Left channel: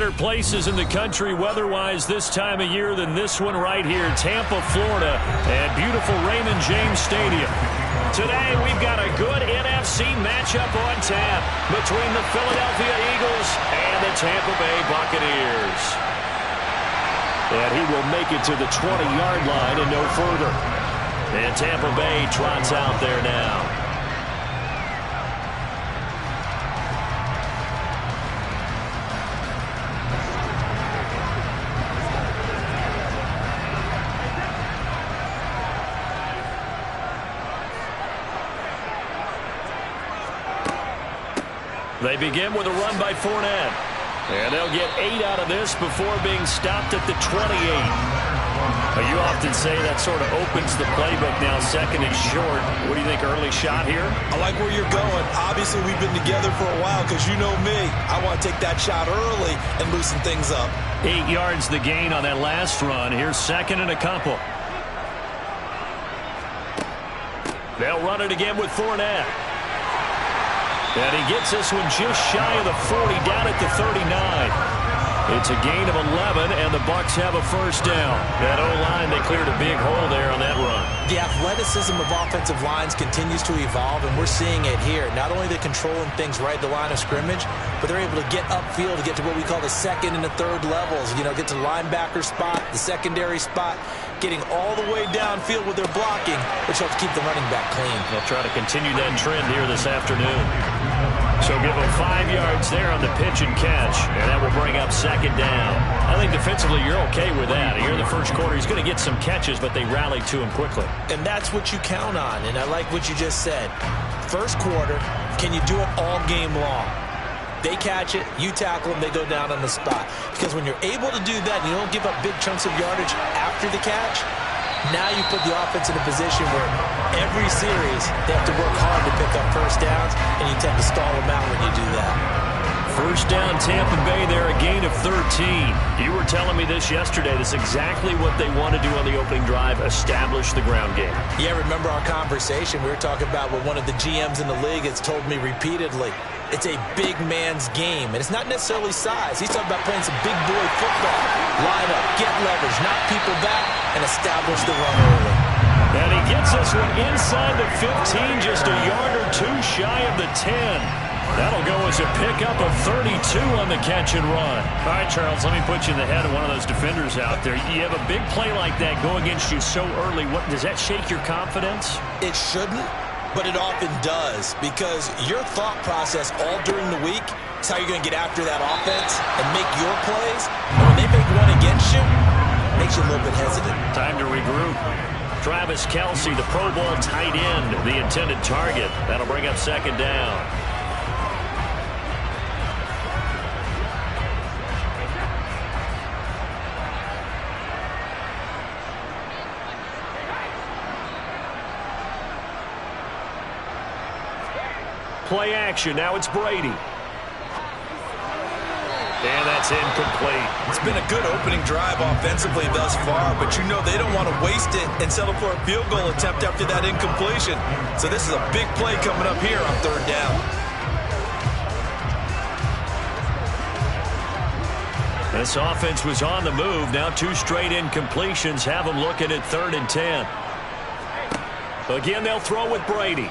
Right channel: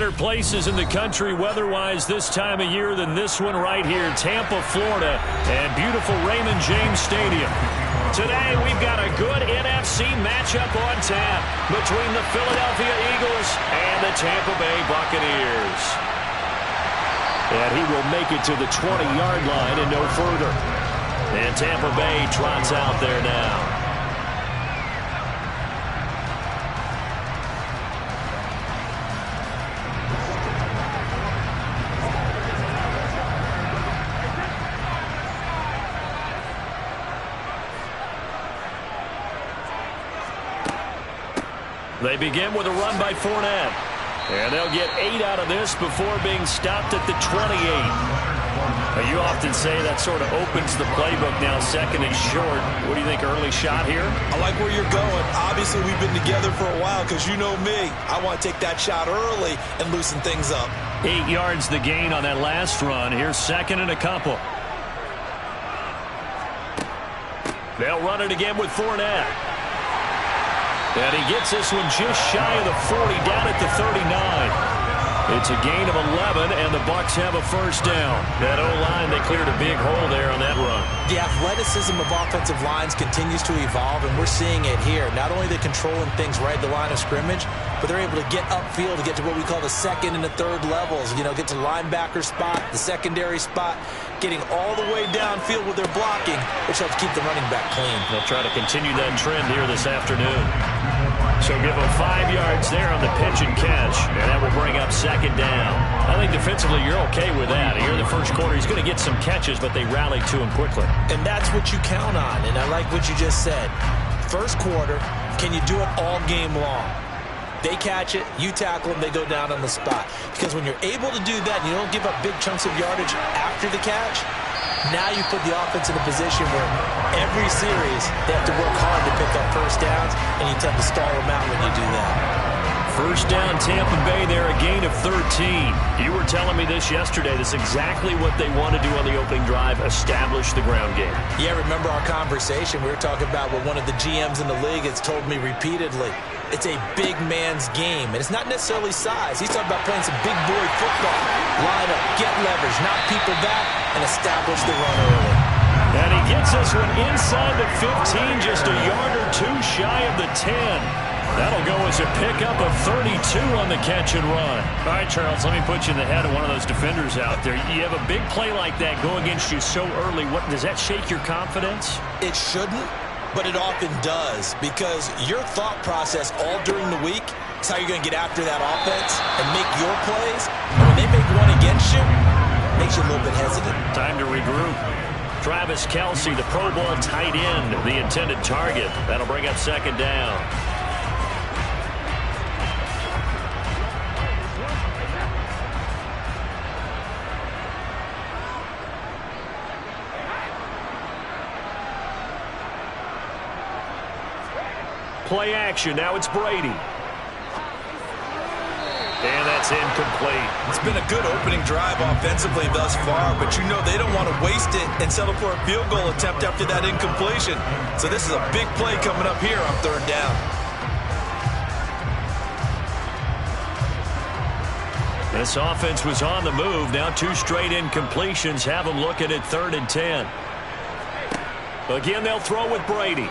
better places in the country weather-wise this time of year than this one right here, Tampa, Florida, and beautiful Raymond James Stadium. Today, we've got a good NFC matchup on tap between the Philadelphia Eagles and the Tampa Bay Buccaneers. And he will make it to the 20-yard line and no further. And Tampa Bay trots out there now. They begin with a run by Fournette. And they'll get 8 out of this before being stopped at the 28. Now, you often say that sort of opens the playbook now, second and short. What do you think, early shot here? I like where you're going. Obviously, we've been together for a while because you know me. I want to take that shot early and loosen things up. 8 yards the gain on that last run. Here's second and a couple. They'll run it again with Fournette. And he gets this one just shy of the 40, down at the 39. It's a gain of 11, and the Bucs have a first down. That O-line, they cleared a big hole there on that run. The athleticism of offensive lines continues to evolve, and we're seeing it here. Not only are they controlling things right at the line of scrimmage, but they're able to get upfield to get to what we call the second and the third levels. You know, get to the linebacker spot, the secondary spot, getting all the way downfield with their blocking, which helps keep the running back clean. They'll try to continue that trend here this afternoon. So give him 5 yards there on the pitch and catch, and that will bring up second down. I think defensively you're okay with that. Here in the first quarter, he's going to get some catches, but they rallied to him quickly. And that's what you count on, and I like what you just said. First quarter, can you do it all game long? They catch it, you tackle them, they go down on the spot. Because when you're able to do that and you don't give up big chunks of yardage after the catch, now you put the offense in a position where every series they have to work hard to pick up first downs, and you tend to stall them out when you do that. First down, Tampa Bay there, a gain of 13. You were telling me this yesterday. This is exactly what they want to do on the opening drive, establish the ground game. Yeah, remember our conversation? We were talking about what one of the GMs in the league has told me repeatedly. It's a big man's game, and it's not necessarily size. He's talking about playing some big boy football. Line up, get leverage, knock people back, and establish the run early. And he gets this one inside the 15, just a yard or two shy of the 10. That'll go as a pickup of 32 on the catch and run. All right, Charles, let me put you in the head of one of those defenders out there. You have a big play like that go against you so early. What does that shake your confidence? It shouldn't, but it often does, because your thought process all during the week is how you're going to get after that offense and make your plays. And when they make one against you, it makes you a little bit hesitant. Time to regroup. Travis Kelce, the Pro Bowl tight end, the intended target. That'll bring up second down. Play action. Now it's Brady. And that's incomplete. It's been a good opening drive offensively thus far, but you know they don't want to waste it and settle for a field goal attempt after that incompletion. So this is a big play coming up here on third down. This offense was on the move. Now 2 straight incompletions have them looking at 3rd and 10. Again, they'll throw with Brady.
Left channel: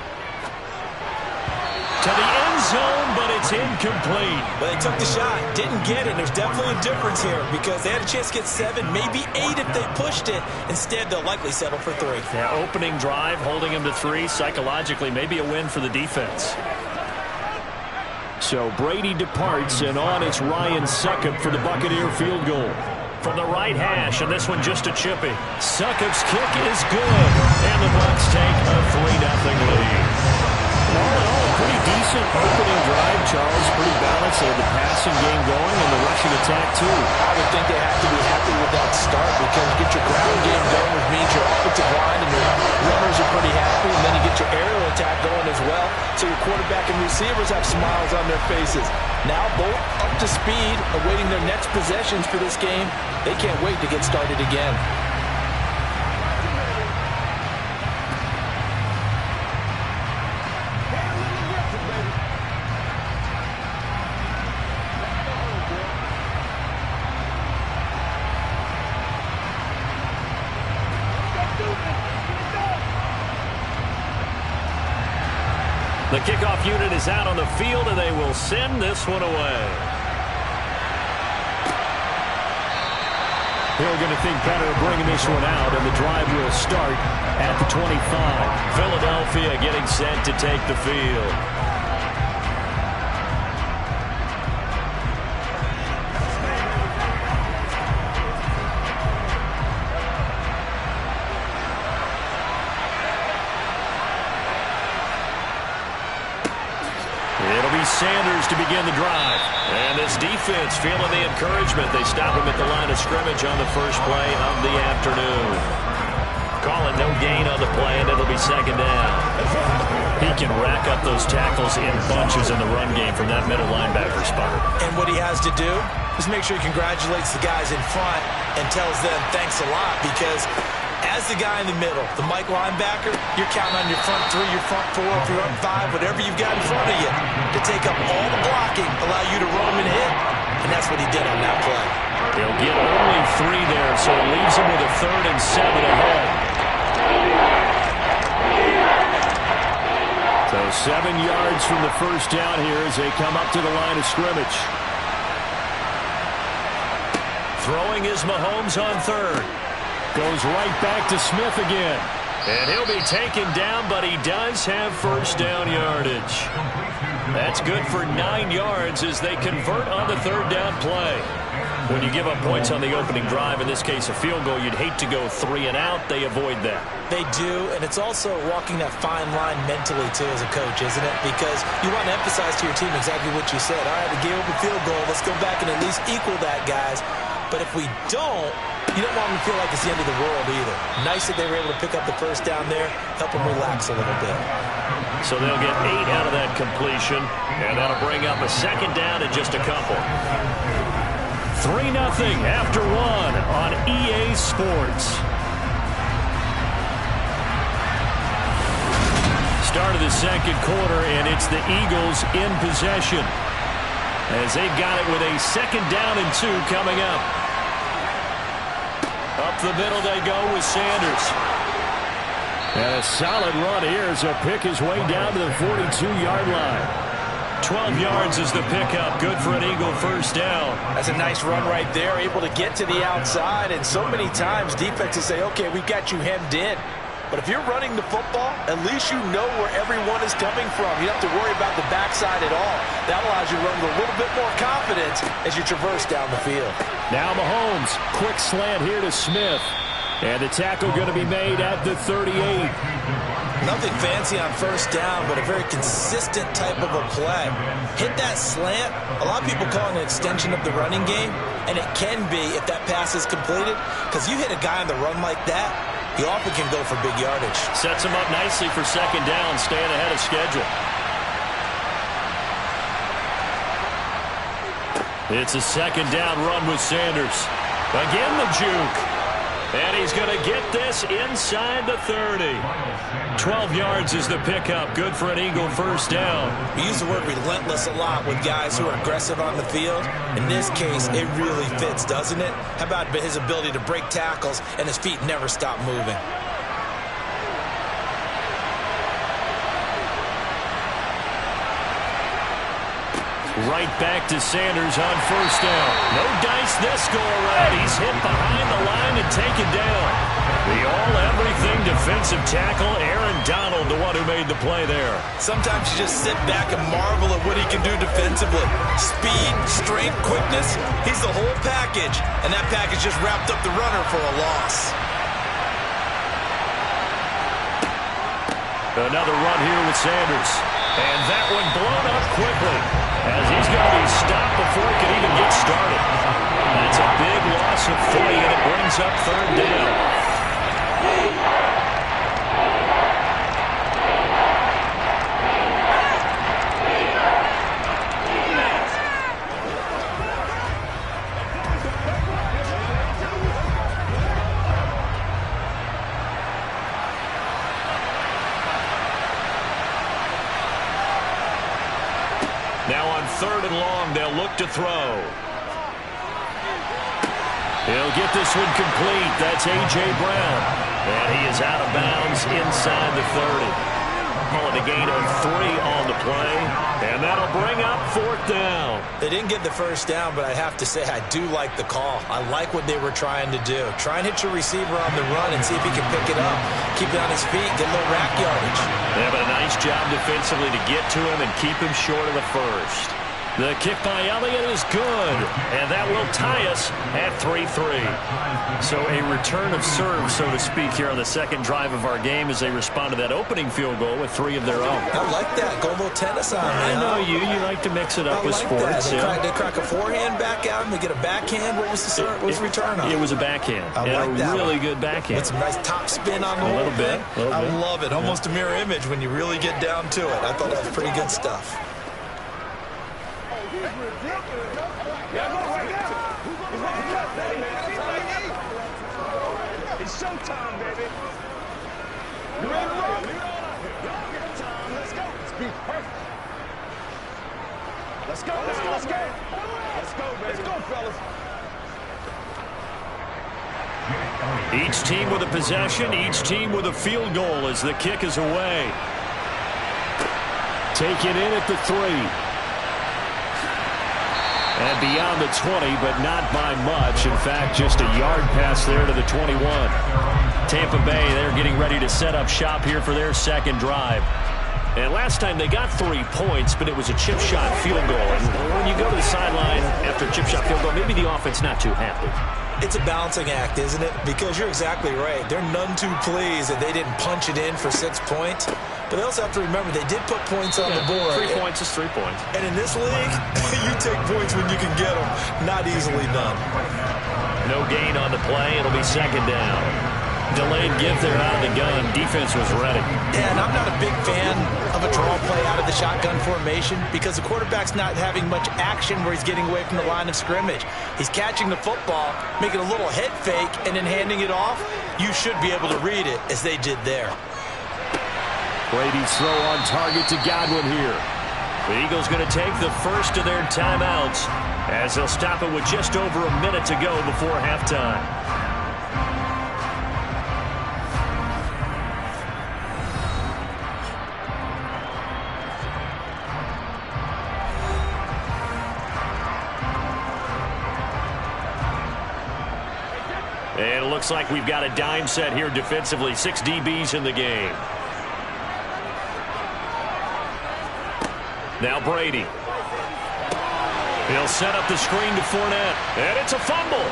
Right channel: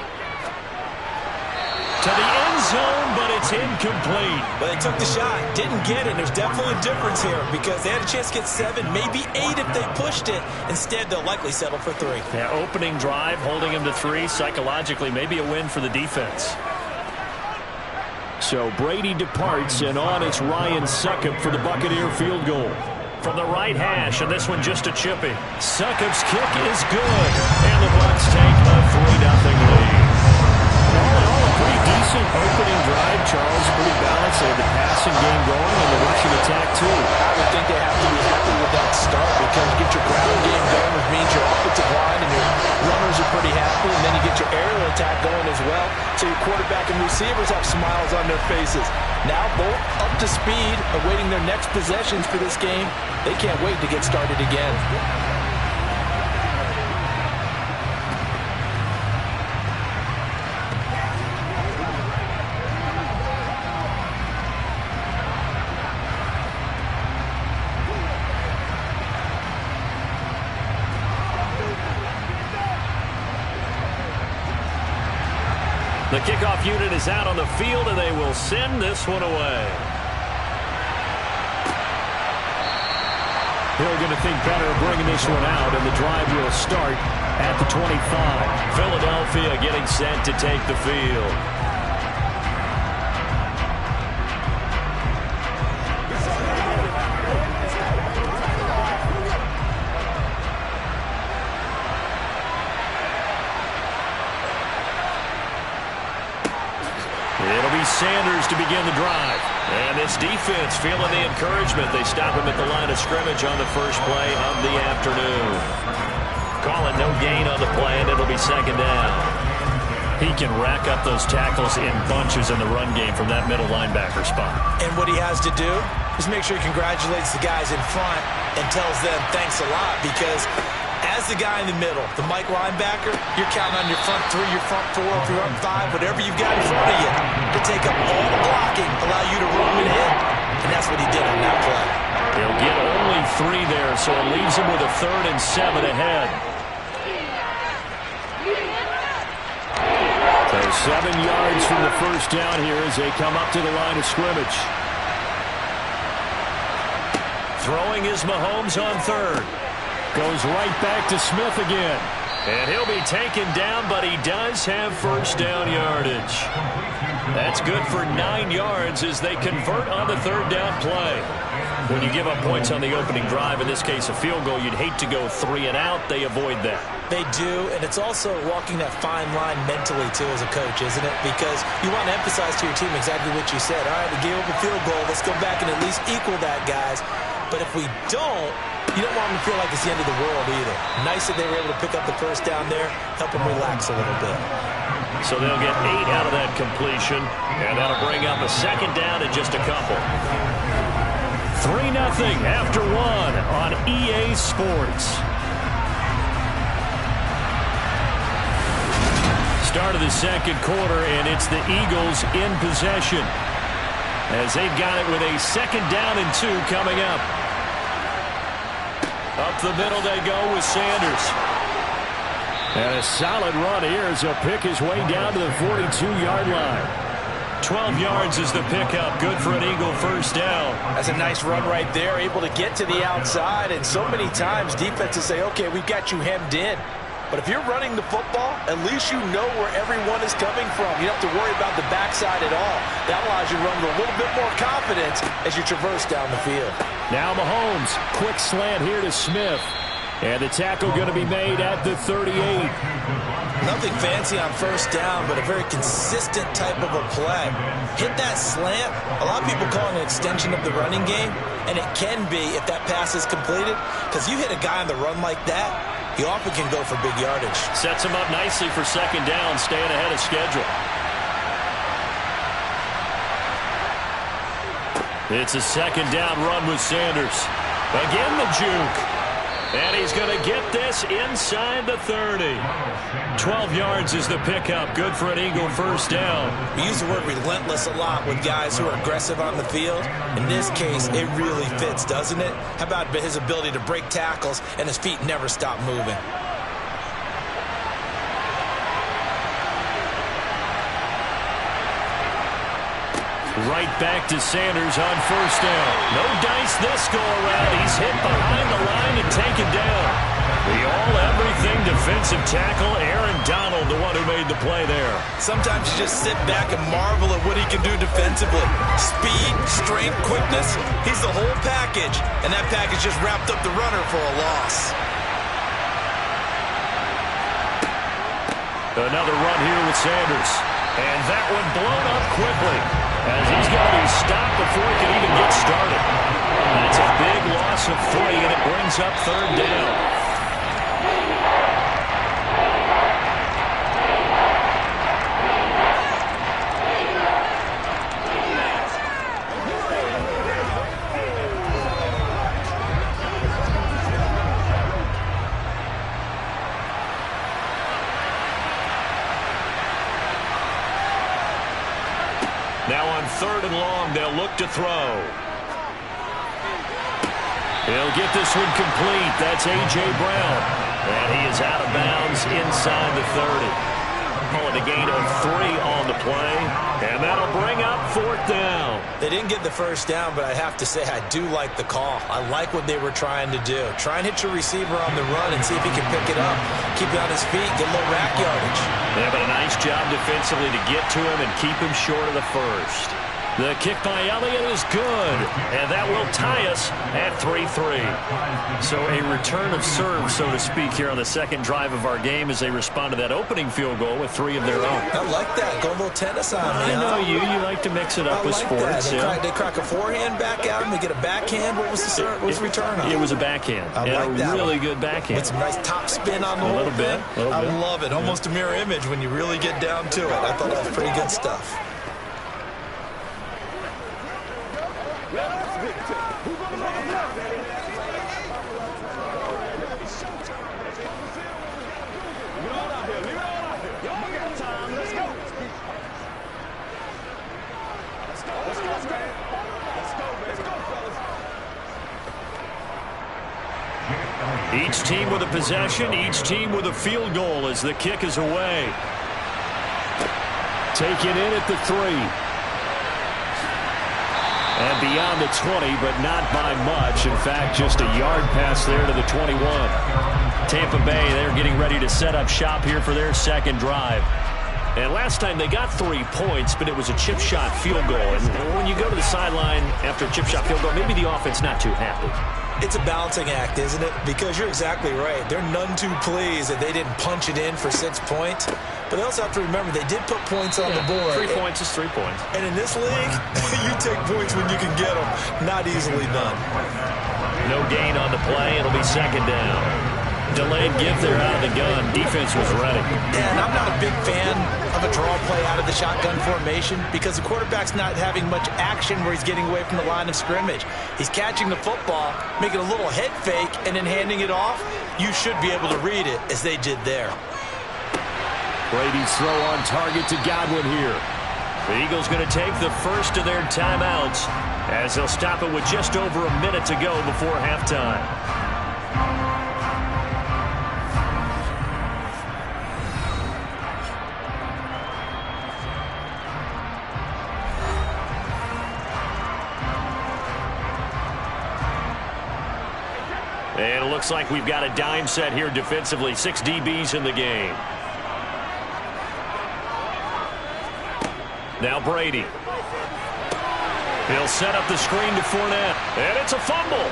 To the end zone, but it's incomplete. But they took the shot, didn't get it. There's definitely a difference here because they had a chance to get 7, maybe 8 if they pushed it. Instead, they'll likely settle for 3. Yeah, opening drive, holding them to 3. Psychologically, maybe a win for the defense. So Brady departs, and on it's Ryan Succop for the Buccaneer field goal. From the right hash, and this one just a chippy. Succop's kick is good, and the Bucs take a 3-0 lead. All in all, a pretty decent opening drive, Charles. Pretty balanced. They had the passing game going and the rushing attack, too. I would think they have to be happy with that start because you get your ground game going, which means your offensive line and your runners are pretty happy, and then you get your aerial attack going as well, so your quarterback and receivers have smiles on their faces. Now both up to speed, awaiting their next possessions for this game. They can't wait to get started again. The kickoff unit is out on the field, and they will send this one away. Hill going to think better of bringing this one out, and the drive will start at the 25. Philadelphia getting set to take the field. It'll be Sanders to begin the drive. And this defense feeling the encouragement. They stop him at the line of scrimmage on the first play of the afternoon. Call it no gain on the play, and it'll be second down. He can rack up those tackles in bunches in the run game from that middle linebacker spot. And what he has to do is make sure he congratulates the guys in front and tells them thanks a lot, because as the guy in the middle, the Mike linebacker, you're counting on your front three, your front four, your front five, whatever you've got in front of you to take up all the blocking, allow you to roam and hit. And that's what he did on that play. He'll get only 3 there, so it leaves him with a 3rd and 7 ahead. So 7 yards from the first down here as they come up to the line of scrimmage. Throwing is Mahomes on 3rd. Goes right back to Smith again. And he'll be taken down, but he does have first down yardage. That's good for 9 yards as they convert on the 3rd down play. When you give up points on the opening drive, in this case a field goal, you'd hate to go 3 and out. They avoid that. They do, and it's also walking that fine line mentally, too, as a coach, isn't it? Because you want to emphasize to your team exactly what you said. All right, we gave up a field goal. Let's go back and at least equal that, guys. But if we don't, you don't want them to feel like it's the end of the world either. Nice that they were able to pick up the first down there, help them relax a little bit. So they'll get 8 out of that completion, and that'll bring up a second down in just a couple. 3-0 after 1 on EA Sports. Start of the second quarter, and it's the Eagles in possession, as they've got it with a 2nd down and 2 coming up. Up the middle they go with Sanders. And a solid run here as he'll pick his way down to the 42-yard line. 12 yards is the pickup. Good for an Eagle first down. That's a nice run right there, able to get to the outside. And so many times defenses say, okay, we've got you hemmed in. But if you're running the football, at least you know where everyone is coming from. You don't have to worry about the backside at all. That allows you to run with a little bit more confidence as you traverse down the field. Now Mahomes, quick slant here to Smith. And the tackle going to be made at the 38. Nothing fancy on first down, but a very consistent type of a play. Hit that slant. A lot of people call it an extension of the running game, and it can be if that pass is completed, because you hit a guy on the run like that, he often can go for big yardage. Sets him up nicely for second down, staying ahead of schedule. It's a second down run with Sanders. Again the juke. And he's going to get this inside the 30. 12 yards is the pickup. Good for an Eagle first down. We use the word relentless a lot with guys who are aggressive on the field. In this case, it really fits, doesn't it? How about his ability to break tackles and his feet never stop moving? Right back to Sanders on first down. No dice this go around. He's hit behind the line and taken down. The all-everything defensive tackle, Aaron Donald, the one who made the play there. Sometimes you just sit back and marvel at what he can do defensively. Speed, strength, quickness, he's the whole package. And that package just wrapped up the runner for a loss. Another run here with Sanders. And that one blown up quickly, as he's going to be stopped before he can even get started. That's a big loss of 3, and it brings up third down. Now on 3rd and long, they'll look to throw. He'll get this one complete. That's A.J. Brown. And he is out of bounds inside the 30. Calling a gain of 3 on the play, and that'll bring up 4th down. They didn't get the first down, but I have to say I do like the call. I like what they were trying to do. Try and hit your receiver on the run and see if he can pick it up. Keep it on his feet, get a little rack yardage. Yeah, but a nice job defensively to get to him and keep him short of the first. The kick by Elliott is good, and that will tie us at 3-3. So a return of serve, so to speak, here on the second drive of our game as they respond to that opening field goal with 3 of their own. I like that. Go a little tennis on me. I know you like to mix it up with sports. They crack a forehand back out and they get a backhand. What was the return on? It was a backhand. I like that. Really good backhand. With some nice top spin on the whole little bit. I love it. Almost a mirror image when you really get down to it. I thought that was pretty good stuff. It's showtime, baby. Leave it all out here. Leave it all out here. Y'all got time. Let's go. Let's go. Let's go. Let's go. Let's go, baby. Let's go, fellas. Each team with a possession, each team with a field goal as the kick is away. Take it in at the 3. And beyond the 20, but not by much. In fact, just a yard pass there to the 21. Tampa Bay, they're getting ready to set up shop here for their second drive. And last time they got 3 points, but it was a chip shot field goal. And when you go to the sideline after a chip shot field goal, maybe the offense not too happy. It's a balancing act, isn't it? Because you're exactly right. They're none too pleased that they didn't punch it in for 6 points. But they also have to remember they did put points on the board. 3 points is 3 points. And in this league, you take points when you can get them. Not easily done. No gain on the play. It'll be second down. Delayed give there out of the gun. Defense was ready. Yeah, and I'm not a big fan of a draw play out of the shotgun formation because the quarterback's not having much action where he's getting away from the line of scrimmage. He's catching the football, making a little head fake, and then handing it off. You should be able to read it as they did there. Brady's throw on target to Godwin here. The Eagles going to take the first of their timeouts as they'll stop it with just over a minute to go before halftime. And it looks like we've got a dime set here defensively. 6 DBs in the game. Now Brady. He'll set up the screen to Fournette. And it's a fumble.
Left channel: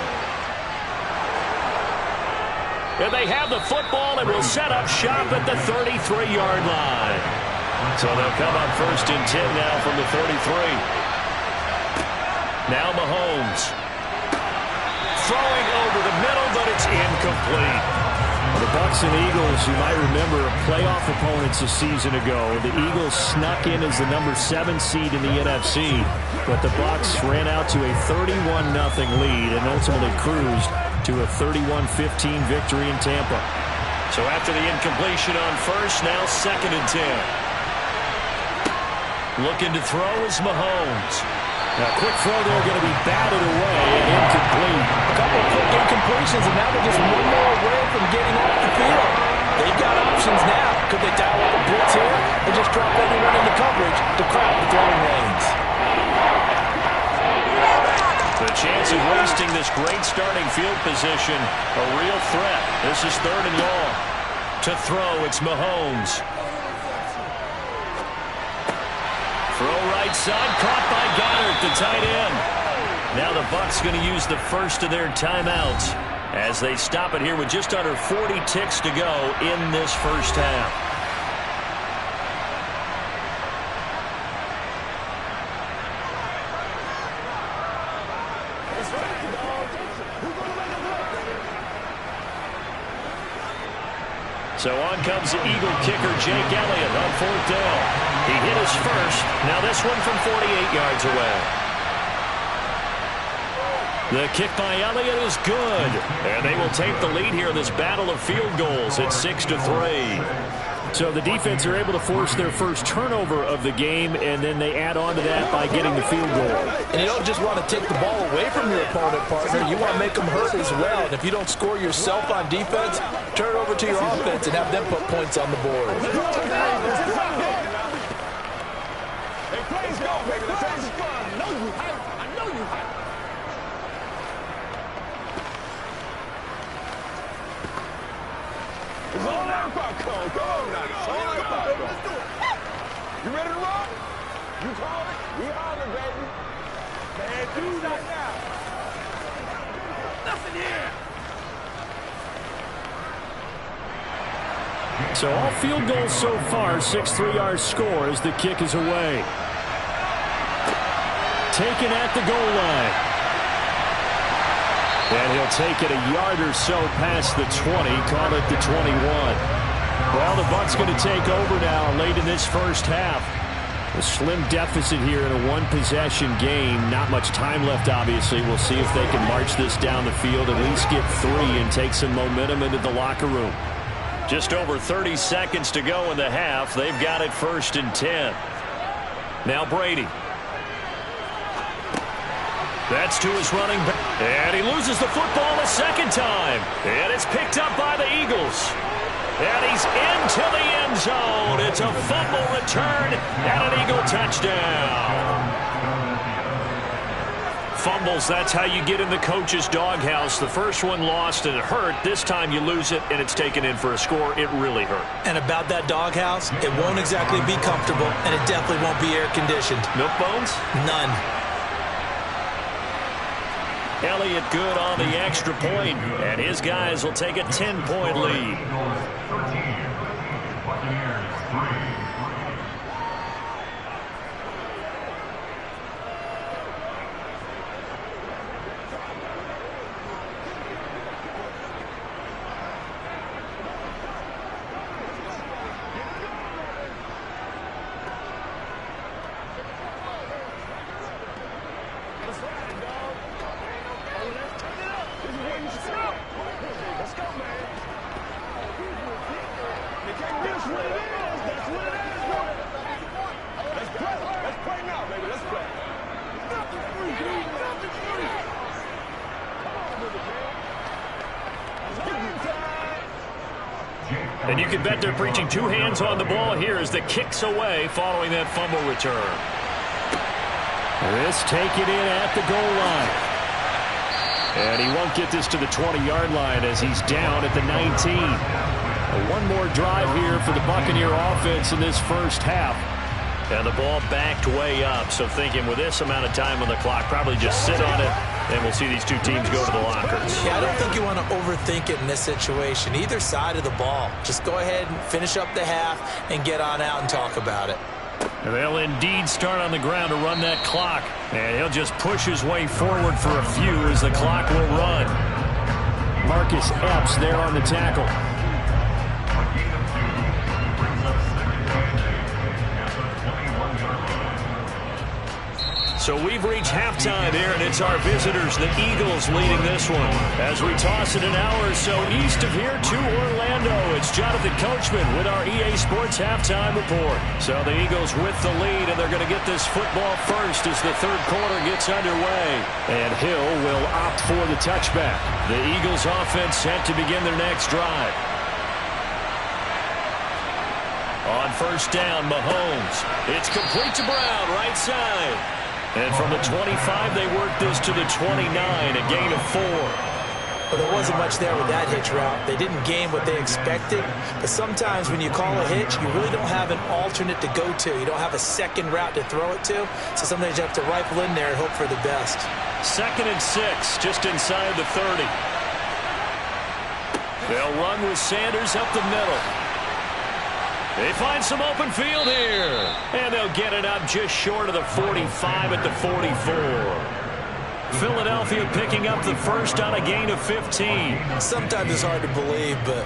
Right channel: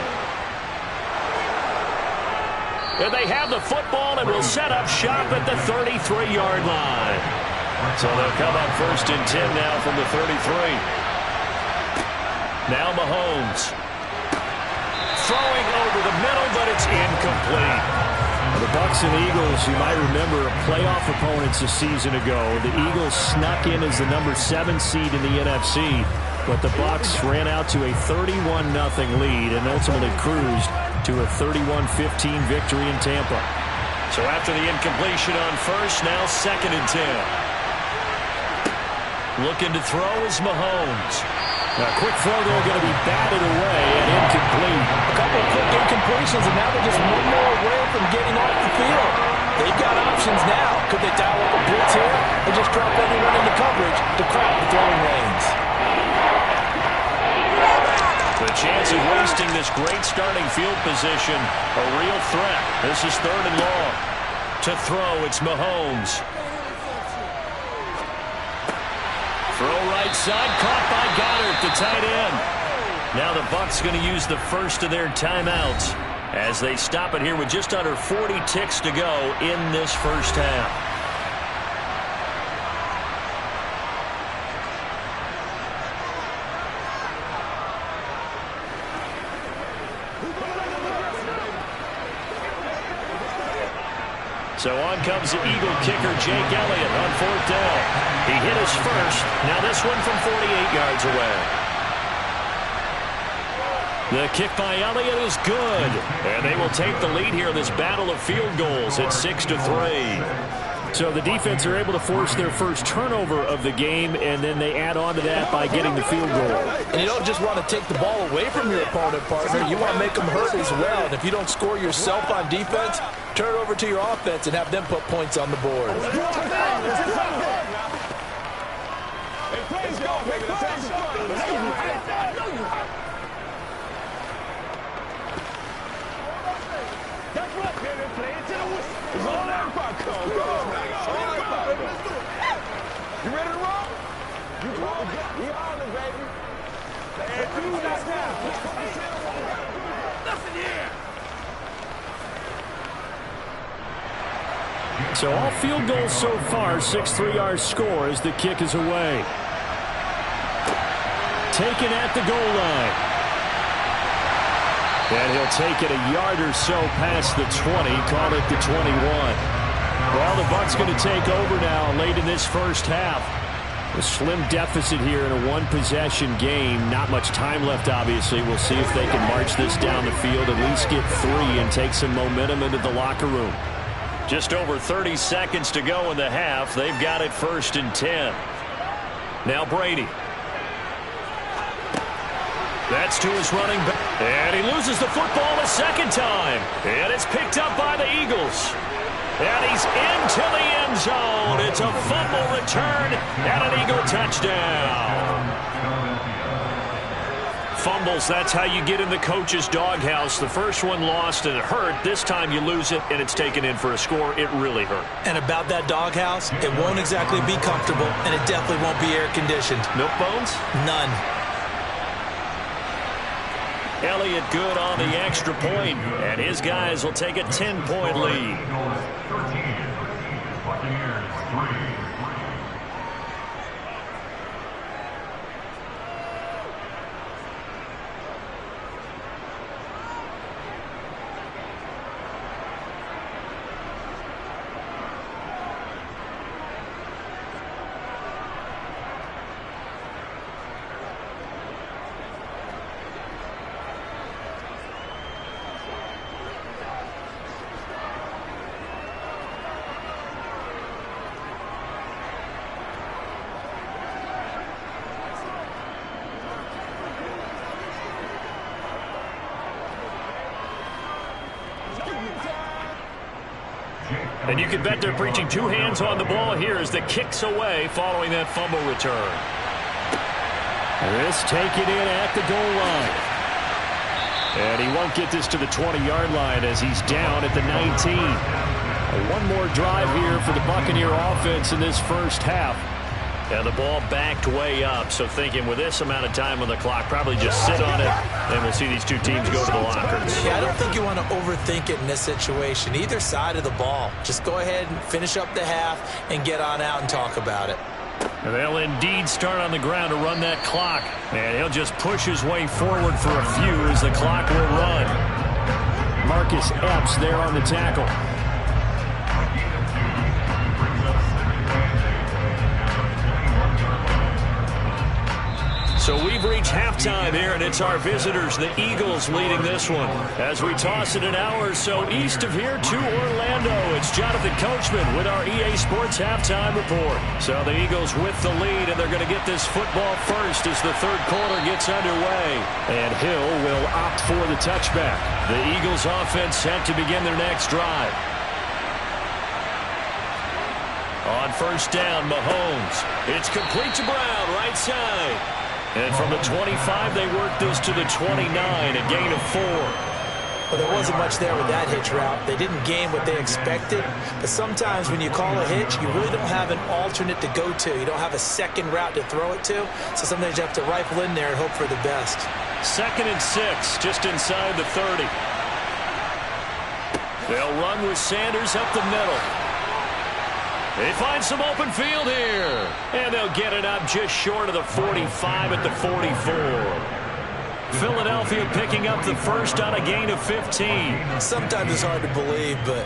And they have the football and will set up shop at the 33-yard line. So they'll come up 1st and 10 now from the 33. Now Mahomes. Throwing over the middle, but it's incomplete. Well, the Bucs and Eagles, you might remember, playoff opponents a season ago. The Eagles snuck in as the number 7 seed in the NFC, but the Bucs ran out to a 31-0 lead and ultimately cruised to a 31-15 victory in Tampa. So after the incompletion on first, now 2nd and 10. Looking to throw is Mahomes. A quick throw there going to be batted away and incomplete. A couple of quick incompletions, and now they're just one more away from getting off the field. They've got options now. Could they dial up a blitz here and just drop everyone into coverage to crowd the throwing lanes? The chance of wasting this great starting field position, a real threat. This is 3rd and long. To throw, it's Mahomes. Throw right side, caught by Goddard, the tight end. Now the Bucs going to use the first of their timeouts as they stop it here with just under 40 ticks to go in this first half. So on comes the Eagle kicker, Jake Elliott, on 4th down. He hit his first. Now this one from 48 yards away. The kick by Elliott is good. And they will take the lead here in this battle of field goals at 6-3. So the defense are able to force their first turnover of the game, and then they add on to that by getting the field goal. And you don't just want to take the ball away from your opponent, partner. You want to make them hurt as well. And if you don't score yourself on defense, turn it over to your offense and have them put points on the board. Let's go, baby. Let's have some fun. I know you hype. I know you hype. It's all that popcorn. Come on now. It's all that popcorn. Let's do it. You ready to roll? You call it. We on it, baby. Man, do that now. Nothing here. So all field goals so far, 6-3 our score as the kick is away. Taken at the goal line. And he'll take it a yard or so past the 20, call it the 21. Well, the Bucs going to take over now late in this first half. A slim deficit here in a one-possession game. Not much time left, obviously. We'll see if they can march this down the field, at least get 3 and take some momentum into the locker room. Just over 30 seconds to go in the half. They've got it 1st and 10. Now Brady. That's to his running back. And he loses the football a second time. And it's picked up by the Eagles. And he's into the end zone. It's a fumble return and an Eagle touchdown. Fumbles, that's how you get in the coach's doghouse. The first one lost and it hurt. This time you lose it and it's taken in for a score. It really hurt. And about that doghouse, it won't exactly be comfortable, and it definitely won't be air-conditioned. Milk bones? None. Elliott good on the extra point, and his guys will take a 10-point lead. 13, Buccaneers 3. And you can bet they're preaching 2 hands on the ball here as the kick's away following that fumble return. This take it in at the goal line. And he won't get this to the 20-yard line as he's down at the 19. One more drive here for the Buccaneer offense in this first half. And the ball backed way up, so thinking with this amount of time on the clock, probably just sit on it, and we'll see these two teams go to the lockers. Yeah, I don't think you want to overthink it in this situation. Either side of the ball. Just go ahead and finish up the half and get on out and talk about it. And they'll indeed start on the ground to run that clock. And he'll just push his way forward for a few as the clock will run. Marcus Epps there on the tackle. A gain of 2 brings up 2nd and 8 at the 21-yard line. So we've reached halftime here, and it's our visitors, the Eagles, leading this one. As we toss it an hour or so east of here to Orlando, it's Jonathan Coachman with our EA Sports Halftime Report. So the Eagles with the lead, and they're going to get this football first as the third quarter gets underway. And Hill will opt for the touchback. The Eagles offense set to begin their next drive. On first down, Mahomes. It's complete to Brown, right side. And from the 25, they work this to the 29, a gain of 4. Well, there wasn't much there with that hitch route. They didn't gain what they expected. But sometimes when you call a hitch, you really don't have an alternate to go to. You don't have a second route to throw it to. So sometimes you have to rifle in there and hope for the best. 2nd and 6, just inside the 30. They'll run with Sanders up the middle. They find some open field here. And they'll get it up just short of the 45 at the 44. Philadelphia picking up the first on a gain of 15. Sometimes it's hard to believe, but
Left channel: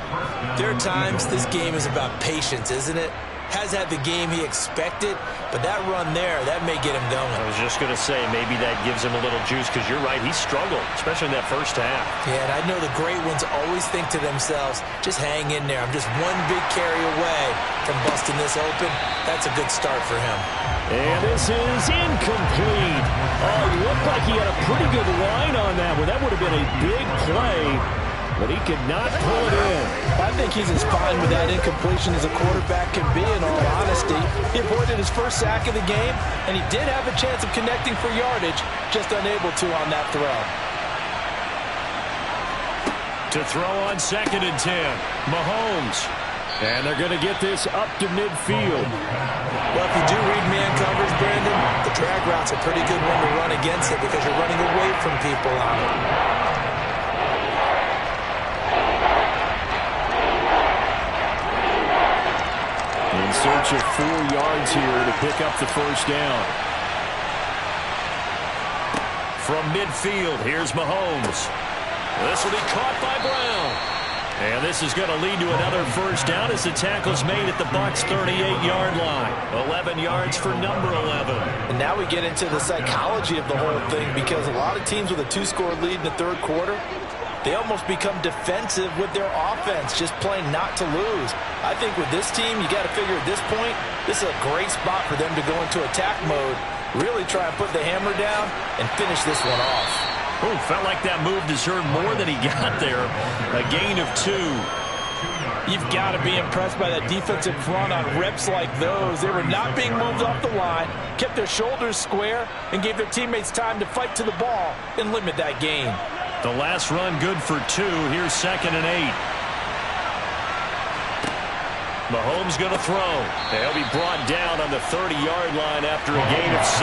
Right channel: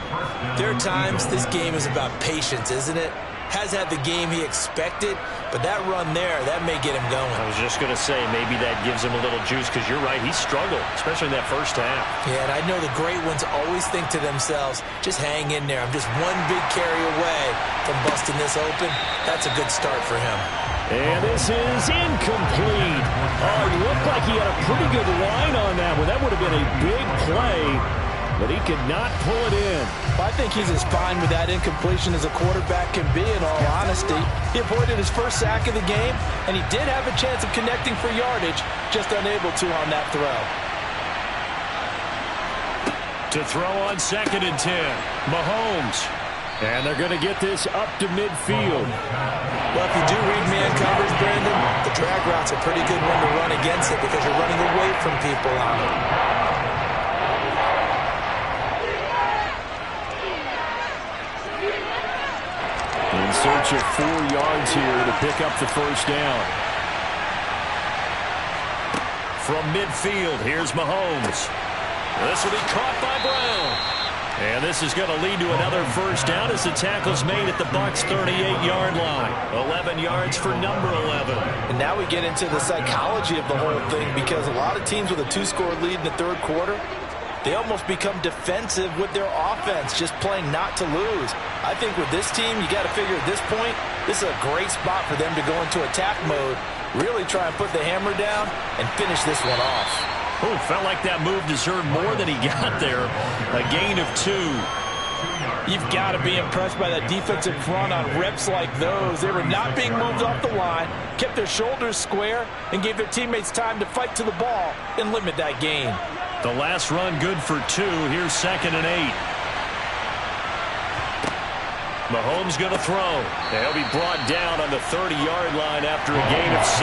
there are times this game is about patience, isn't it? Has had the game he expected, but that run there, that may get him going. I was just going to say, maybe that gives him a little juice, because you're right, he struggled, especially in that first half. Yeah, and I know the great ones always think to themselves, just hang in there. I'm just one big carry away from busting this open. That's a good start for him. And this is incomplete. Oh, he looked like he had a pretty good line on that one. That would have been a big play, but he could not pull it in. I think he's as fine with that incompletion as a quarterback can be, in all honesty. He avoided his first sack of the game, and he did have a chance of connecting for yardage, just unable to on that throw. To throw on 2nd and 10, Mahomes. And they're going to get this up to midfield. Well, if you do read man coverage, Brandon, the drag route's a pretty good one to run against it because you're running away from people on it. In search of 4 yards here to pick up the first down. From midfield, here's Mahomes. This will be caught by Brown. And this is going to lead to another first down as the tackle's made at the Bucs' 38-yard line. 11 yards for number 11. And now we get into the psychology of the whole thing because a lot of teams with a 2-score lead in the third quarter, they almost become defensive with their offense, just playing not to lose. I think with this team, you got to figure at this point, this is a great spot for them to go into attack mode, really try and put the hammer down and finish this one off. Oh, felt like that move deserved more than he got there. A gain of 2. You've got to be impressed by that defensive front on reps like those. They were not being moved off the line, kept their shoulders square, and gave their teammates time to fight to the ball and limit that gain. The last run good for 2. Here's 2nd and 8. Mahomes going to throw. He'll be brought down on the 30-yard line after a gain of 6.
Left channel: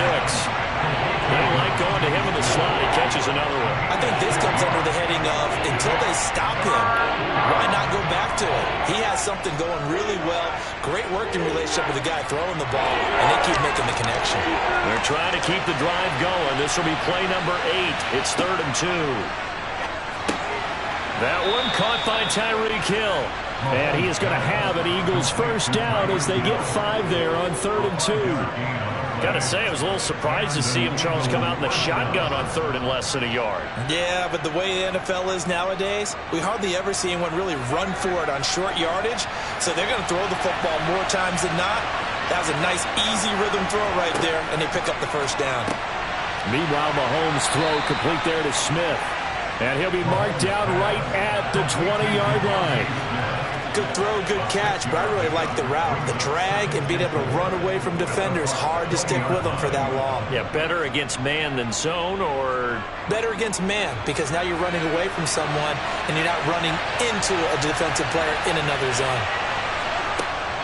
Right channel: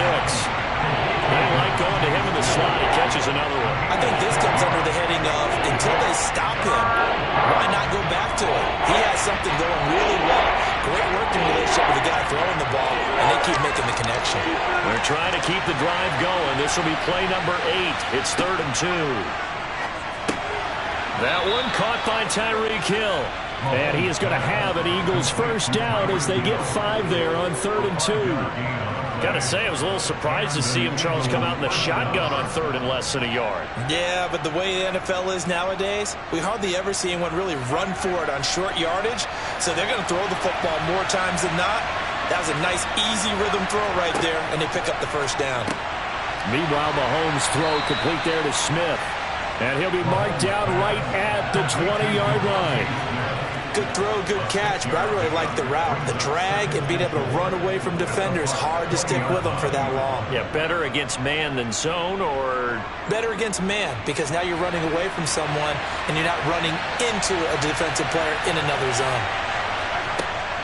They like going to him in the slot. He catches another one. I think this comes under the heading of until they stop him, why not go back to it? He has something going really well. Great working relationship with the guy throwing the ball, and they keep making the connection. They're trying to keep the drive going. This will be play number 8. It's 3rd and 2. That one caught by Tyreek Hill. And he is going to have an Eagles first down as they get 5 there on 3rd and 2. Got to say, I was a little surprised to see him, Charles, come out in the shotgun on 3rd and less than a yard. Yeah, but the way the NFL is nowadays, we hardly ever see anyone really run for it on short yardage. So they're going to throw the football more times than not. That was a nice, easy rhythm throw right there, and they pick up the first down. Meanwhile, Mahomes' throw complete there to Smith. And he'll be marked down right at the 20-yard line. Good throw, good catch, but I really like the route. The drag and being able to run away from defenders, hard to stick with them for that long. Yeah, better against man than zone, or? Better against man, because now you're running away from someone and you're not running into a defensive player in another zone.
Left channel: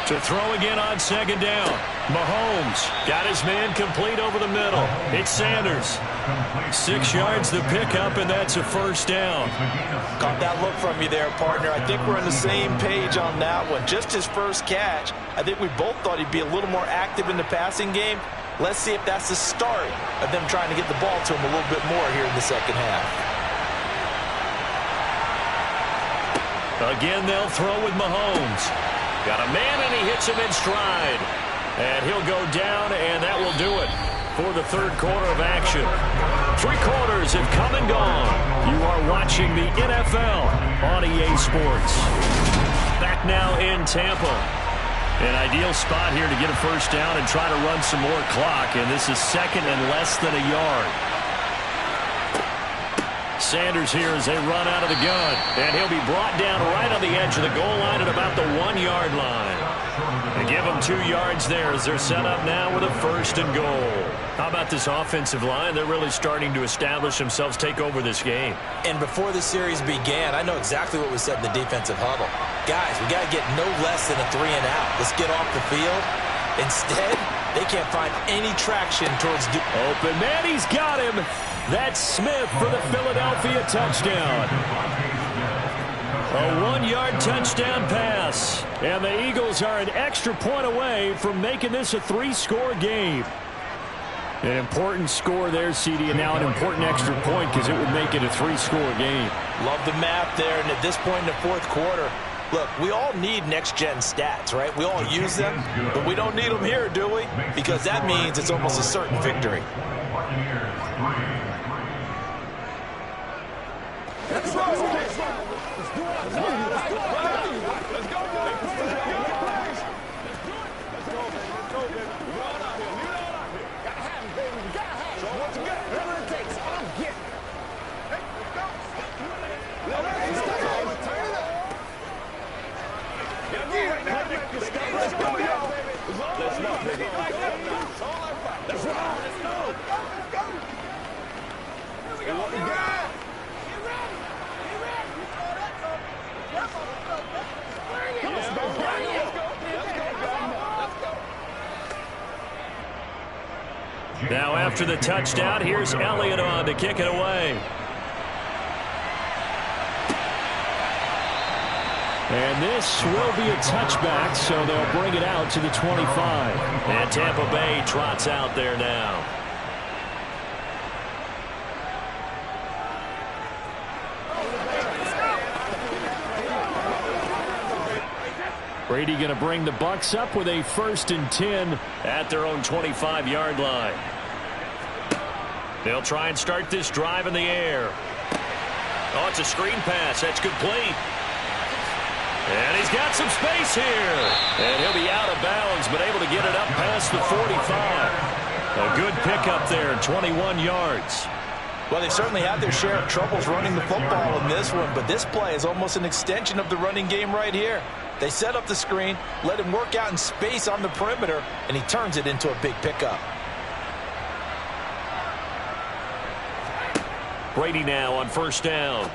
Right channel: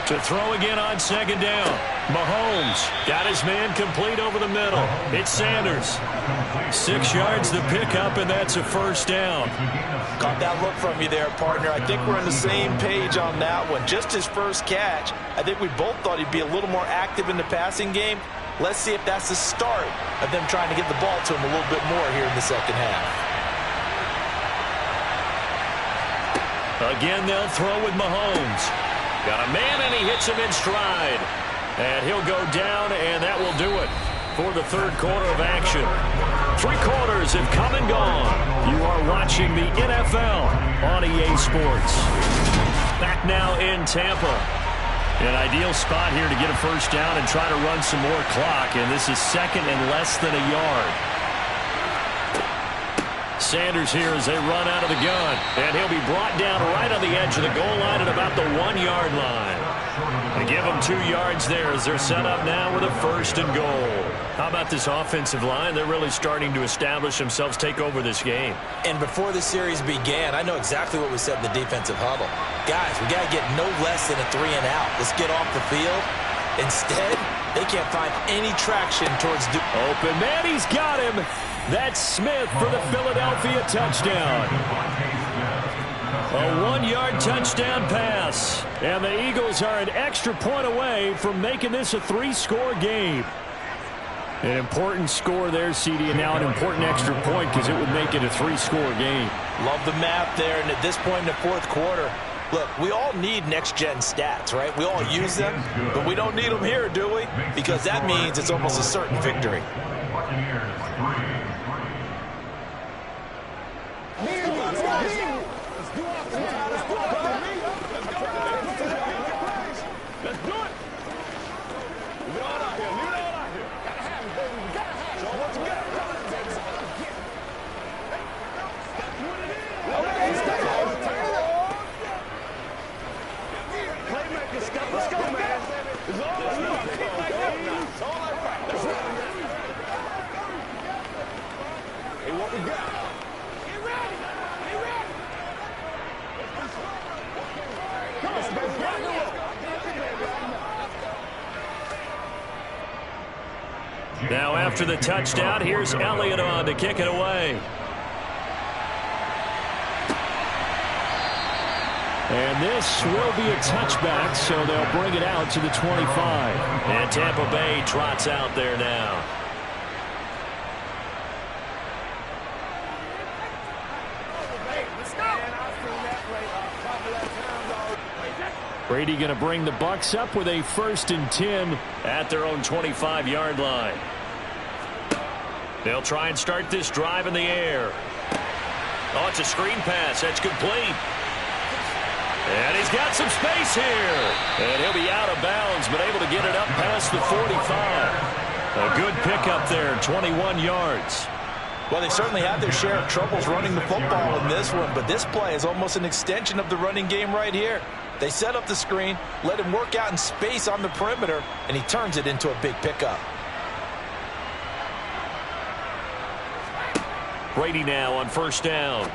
To throw again on 2nd down. Mahomes got his man complete over the middle. It's Sanders. 6 yards the pickup, and that's a first down. Caught that look from you there, partner. I think we're on the same page on that one. Just his first catch. I think we both thought he'd be a little more active in the passing game. Let's see if that's the start of them trying to get the ball to him a little bit more here in the second half. Again, they'll throw with Mahomes. Got a man, and he hits him in stride. And he'll go down, and that will do it for the third quarter of action. 3 quarters have come and gone. You are watching the NFL on EA Sports. Back now in Tampa. An ideal spot here to get a first down and try to run some more clock. And this is 2nd and less than a yard. Sanders here as they run out of the gun. And he'll be brought down right on the edge of the goal line at about the 1-yard line. They give them 2 yards there as they're set up now with a 1st and goal. How about this offensive line? They're really starting to establish themselves, take over this game. And before the series began, I know exactly what was said in the defensive huddle. Guys, we got to get no less than a 3 and out. Let's get off the field. Instead, they can't find any traction towards... Open man, he's got him. That's Smith for the Philadelphia touchdown. A 1-yard touchdown pass. And the Eagles are an extra point away from making this a 3-score game. An important score there, CD, and now an important extra point because it would make it a 3-score game. Love the math there, and at this point in the fourth quarter, look, we all need next-gen stats, right? We all use them, but we don't need them here, do we? Because that means it's almost a certain victory. Now after the touchdown, here's Elliott on to kick it away. And this will be a touchback, so they'll bring it out to the 25. And Tampa Bay trots out there now. Brady going to bring the Bucs up with a 1st and 10 at their own 25-yard line. They'll try and start this drive in the air. Oh, it's a screen pass. That's complete. And he's got some space here. And he'll be out of bounds, but able to get it up past the 45. A good pickup there, 21 yards. Well, they certainly had their share of troubles running the football in this one, but this play is almost an extension of the running game right here. They set up the screen, let him work out in space on the perimeter, and he turns it into a big pickup. Brady now on 1st down.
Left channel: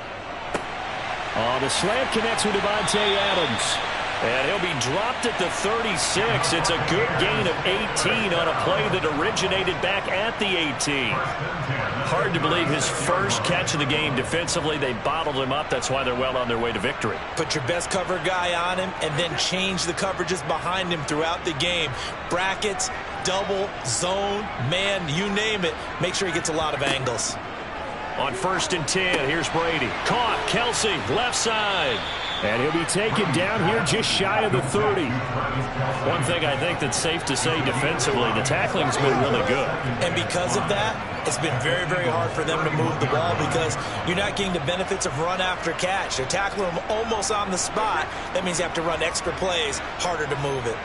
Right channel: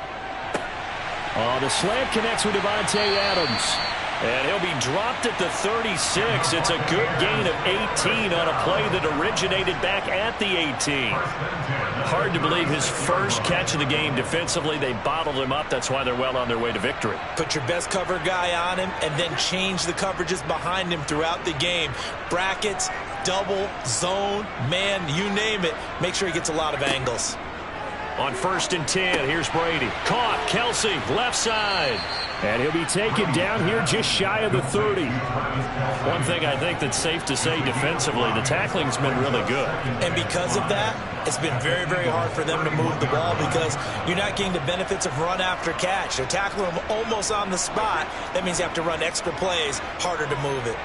The slant connects with Devontae Adams. And he'll be dropped at the 36. It's a good gain of 18 on a play that originated back at the 18. Hard to believe his first catch of the game defensively. They bottled him up. That's why they're well on their way to victory. Put your best cover guy on him and then change the coverages behind him throughout the game. Brackets, double, zone, man, you name it. Make sure he gets a lot of angles. On 1st and 10, here's Brady. Caught, Kelsey, left side. And he'll be taken down here just shy of the 30. One thing I think that's safe to say defensively, the tackling's been really good. And because of that, it's been very, very hard for them to move the ball because you're not getting the benefits of run after catch. They're tackling them almost on the spot. That means you have to run extra plays, harder to move it.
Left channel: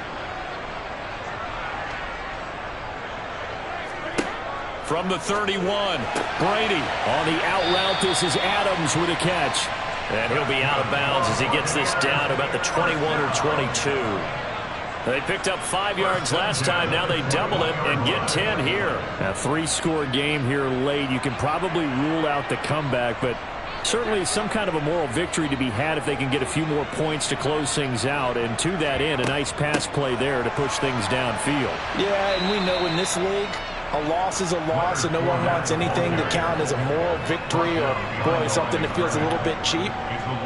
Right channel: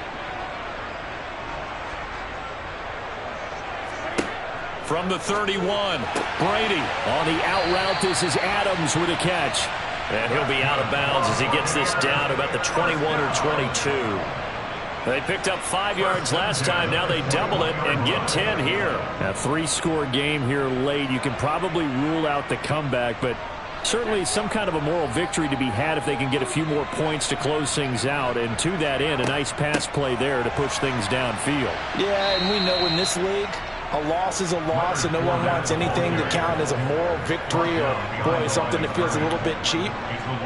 From the 31, Brady. On the out route, this is Adams with a catch. And he'll be out of bounds as he gets this down to about the 21 or 22. They picked up 5 yards last time. Now they double it and get 10 here. A 3-score game here late. You can probably rule out the comeback, but certainly some kind of a moral victory to be had if they can get a few more points to close things out. And to that end, a nice pass play there to push things downfield. Yeah, and we know in this league, a loss is a loss, and no one wants anything to count as a moral victory or, boy, something that feels a little bit cheap.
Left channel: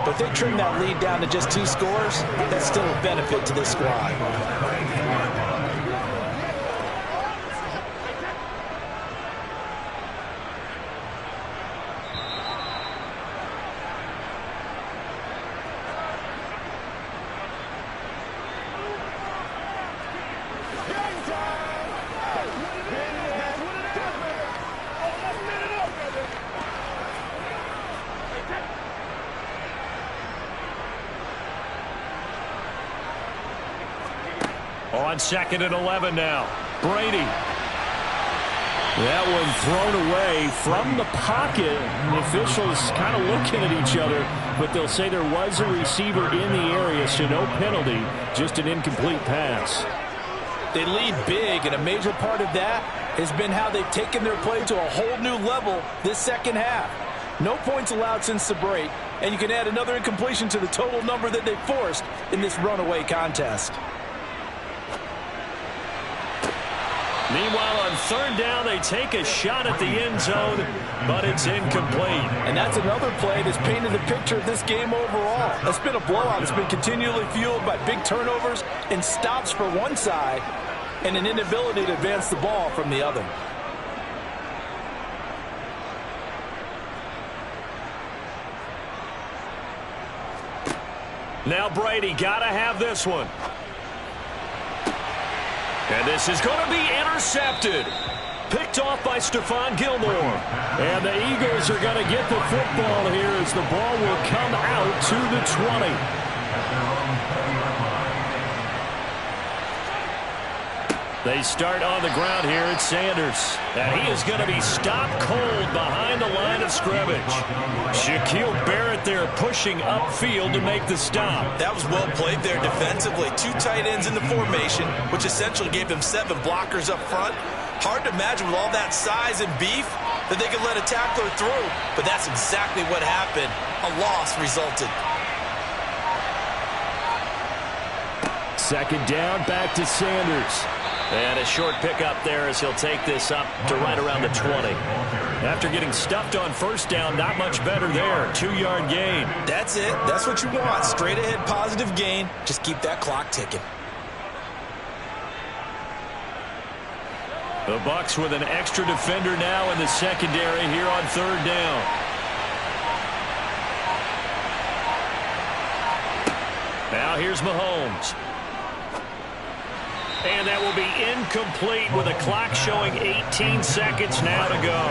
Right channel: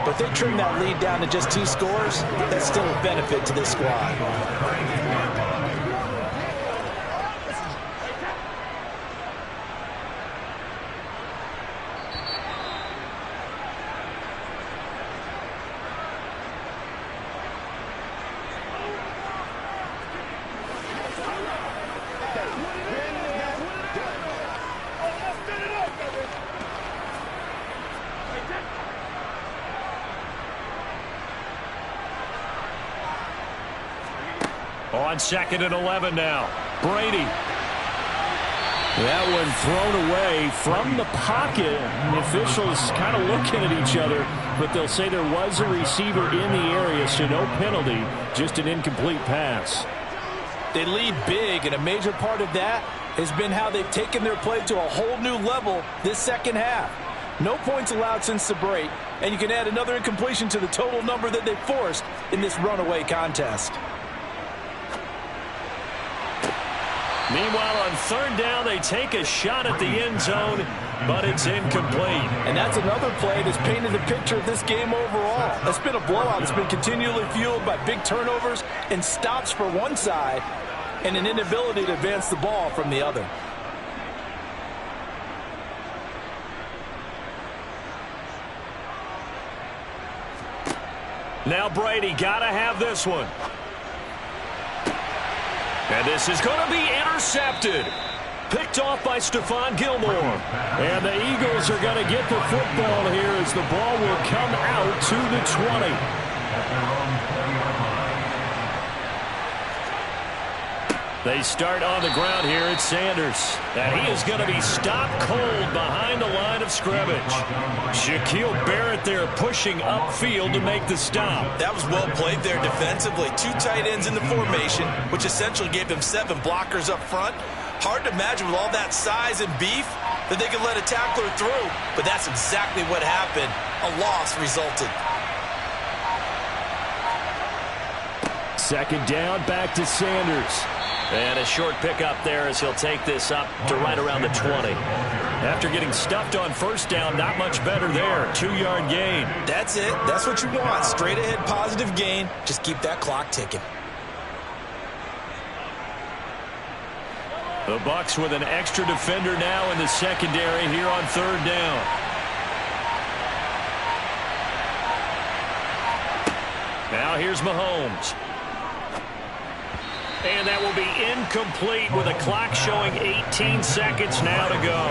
But if they trim that lead down to just 2 scores, that's still a benefit to this squad. On 2nd and 11 now. Brady. That one thrown away from the pocket. The officials kind of looking at each other, but they'll say there was a receiver in the area, so no penalty, just an incomplete pass. They lead big, and a major part of that has been how they've taken their play to a whole new level this second half. No points allowed since the break, and you can add another incompletion to the total number that they forced in this runaway contest. Meanwhile, on 3rd down, they take a shot at the end zone, but it's incomplete. And that's another play that's painted the picture of this game overall. It's been a blowout. It's been continually fueled by big turnovers and stops for one side and an inability to advance the ball from the other. Now Brady, got to have this one. And this is going to be intercepted. Picked off by Stephon Gilmore. And the Eagles are going to get the football here as the ball will come out to the 20. They start on the ground here at Sanders. And he is going to be stopped cold behind the line of scrimmage. Shaquille Barrett there pushing upfield to make the stop. That was well played there defensively. 2 tight ends in the formation, which essentially gave them 7 blockers up front. Hard to imagine with all that size and beef that they could let a tackler through. But that's exactly what happened. A loss resulted. Second down, back to Sanders. And a short pickup there as he'll take this up to right around the 20. After getting stuffed on first down, not much better there. 2-yard gain. That's it. That's what you want. Straight ahead positive gain. Just keep that clock ticking. The Bucs with an extra defender now in the secondary here on third down. Now here's Mahomes. And that will be incomplete with a clock showing 18 seconds now to go.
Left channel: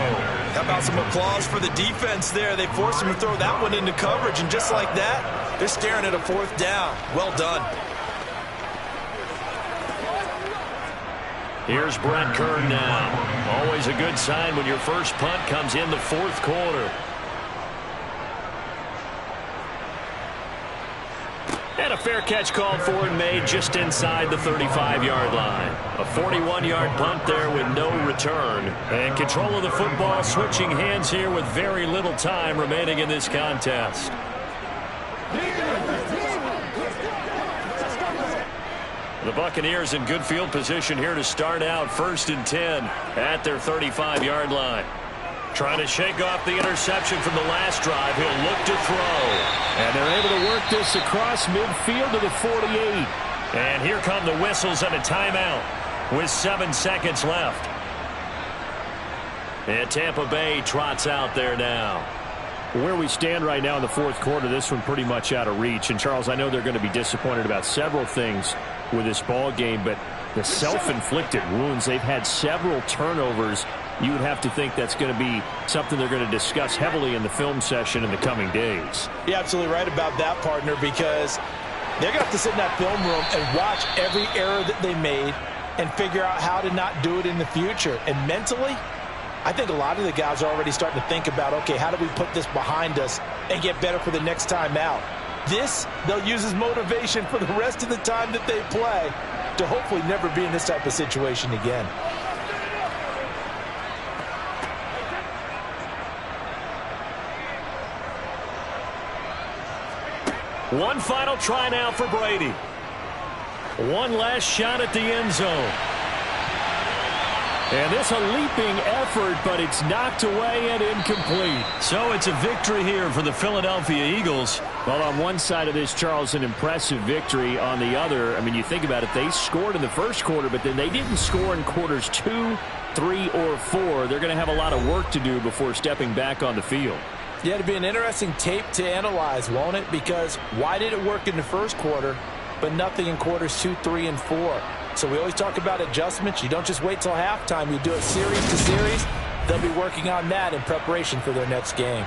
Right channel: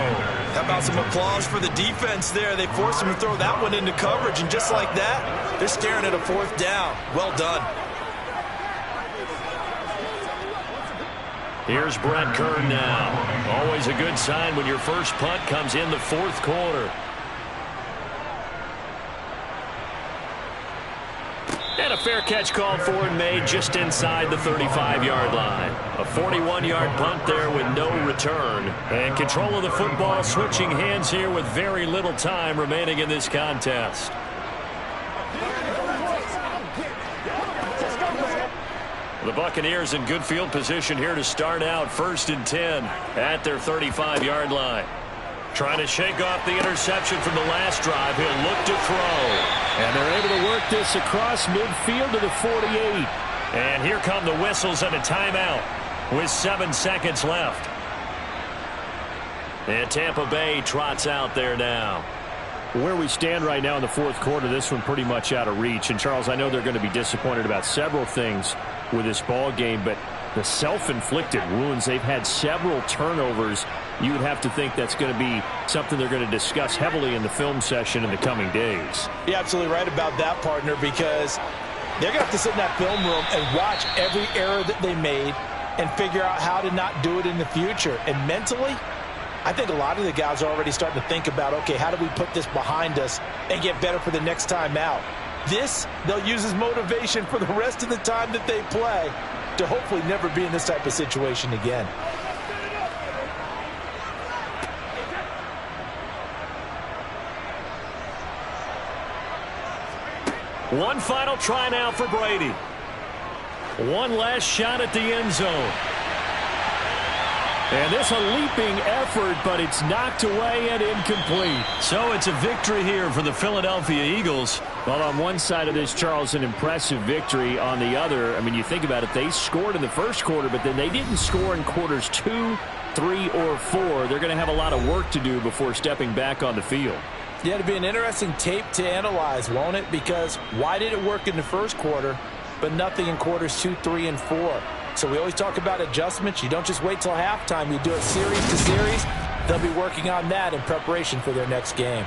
How about some applause for the defense there? They forced him to throw that one into coverage, and just like that, they're staring at a fourth down. Well done. Here's Brett Kern now. Always a good sign when your first punt comes in the fourth quarter. And a fair catch called for and made just inside the 35-yard line. A 41-yard punt there with no return. And control of the football switching hands here with very little time remaining in this contest. The Buccaneers in good field position here to start out 1st and 10 at their 35-yard line. Trying to shake off the interception from the last drive. He'll look to throw. And they're able to work this across midfield to the 48. And here come the whistles and a timeout with 7 seconds left. And Tampa Bay trots out there now. Where we stand right now in the fourth quarter, this one pretty much out of reach. And, Charles, I know they're going to be disappointed about several things with this ball game, but the self-inflicted wounds, they've had several turnovers. You would have to think that's going to be something they're going to discuss heavily in the film session in the coming days. You're absolutely right about that, partner, because they're going to have to sit in that film room and watch every error that they made and figure out how to not do it in the future. And mentally, I think a lot of the guys are already starting to think about, okay, how do we put this behind us and get better for the next time out? This, they'll use as motivation for the rest of the time that they play to hopefully never be in this type of situation again. One final try now for Brady. One last shot at the end zone. And this a leaping effort, but it's knocked away and incomplete. So it's a victory here for the Philadelphia Eagles. Well, on one side of this, Charles, an impressive victory. On the other, I mean, you think about it, they scored in the first quarter, but then they didn't score in quarters 2, 3, or 4. They're going to have a lot of work to do before stepping back on the field. Yeah, it'll be an interesting tape to analyze, won't it? Because why did it work in the first quarter, but nothing in quarters 2, 3, and 4? So we always talk about adjustments. You don't just wait till halftime. You do it series to series. They'll be working on that in preparation for their next game.